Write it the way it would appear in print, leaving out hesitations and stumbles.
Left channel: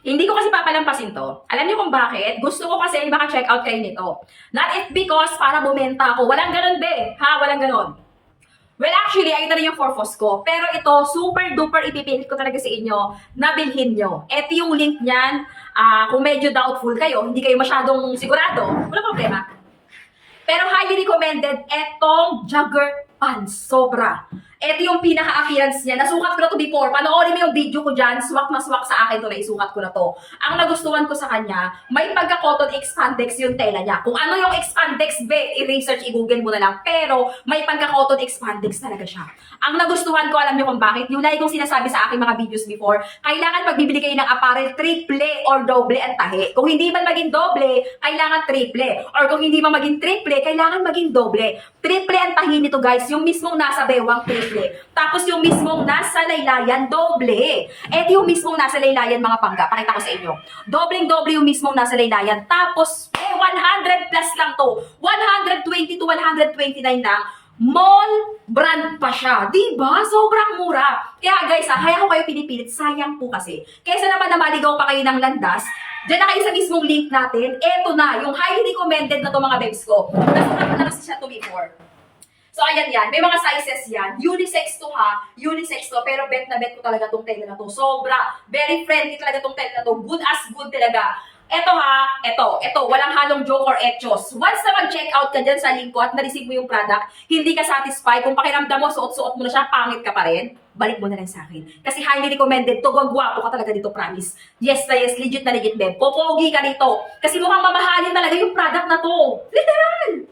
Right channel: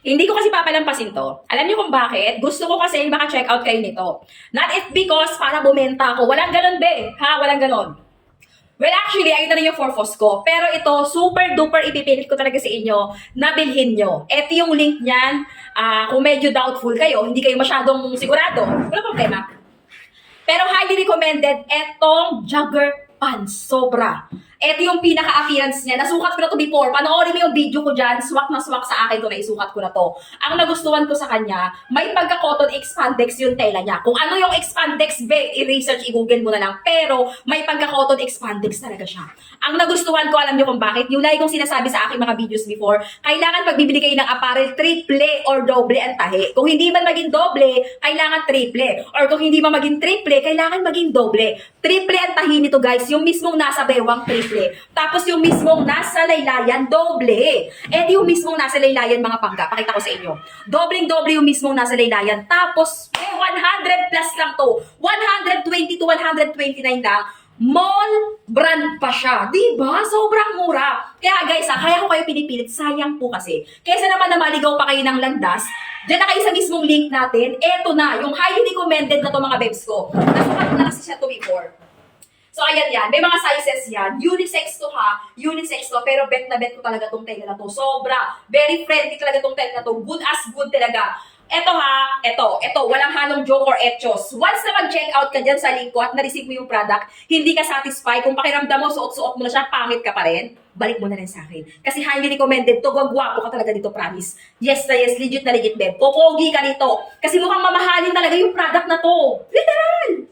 Hindi ko kasi papalampasin to. Alam niyo kung bakit? Gusto ko kasi maka-check out kayo nito. Not it because para bumenta ako. Walang ganun, be. Ha? Walang ganun. Well, actually, ayun na rin yung forfos ko. Pero ito, super duper ipipilit ko talaga sa inyo na bilhin nyo. Ito yung link niyan. Kung medyo doubtful kayo, hindi kayo masyadong sigurado, wala problema. Pero highly recommended, etong jogger pants. Sobra. Ito yung pinaka-appearance niya. Nasukat ko na to before. Panoorin mo yung video ko dyan. Swak na swak sa akin to na isukat ko na to. Ang nagustuhan ko sa kanya, may pagka-cotton expandex yung tela niya. Kung ano yung expandex, i-research, i-google mo na lang. Pero may pagka-cotton expandex talaga siya. Ang nagustuhan ko, alam niyo kung bakit? Yung lagi kong sinasabi sa aking mga videos before, kailangan pag bibili kayo ng apparel, triple or doble ang tahi. Kung hindi man maging doble, kailangan triple. Or kung hindi man maging triple, kailangan maging doble. Triple ang tahi nito, guys. Yung mismong nasa bewang, triple. Tapos yung mismong nasa laylayan, doble. Eh yung mismong nasa laylayan, mga pangga, pakita ko sa inyo. Dobleng-doble yung mismong nasa laylayan. Tapos, 100 plus lang to. 120 to 129 lang. Mall brand pa siya. Diba? Sobrang mura. Kaya guys, kaya ko kayo pinipilit. Sayang po kasi. Kaysa naman na maligaw pa kayo ng landas, diyan na kayo sa mismong link natin. Eto na, yung highly recommended na to mga babes ko. Nasukat na kasi siya to before. So, ayan yan. May mga sizes yan. Unisex to ha. Unisex to. Pero bet na bet ko talaga tong tela na to. Sobra. Very friendly talaga tong tela na to. Good as good talaga. Eto ha. Eto. Walang halong joke or etchos. Once na mag-check out ka dyan sa link ko at na-receive mo yung product, hindi ka satisfied. Kung pakiramdam mo, suot-suot mo na siya, pangit ka pa rin, balik mo na lang sa akin. Kasi highly recommended to. Gwagwapo ka talaga dito, promise. Yes na yes. Legit na legit, babe. Popogi ka dito. Kasi mukhang mamahalin talaga yung product na to. Literal.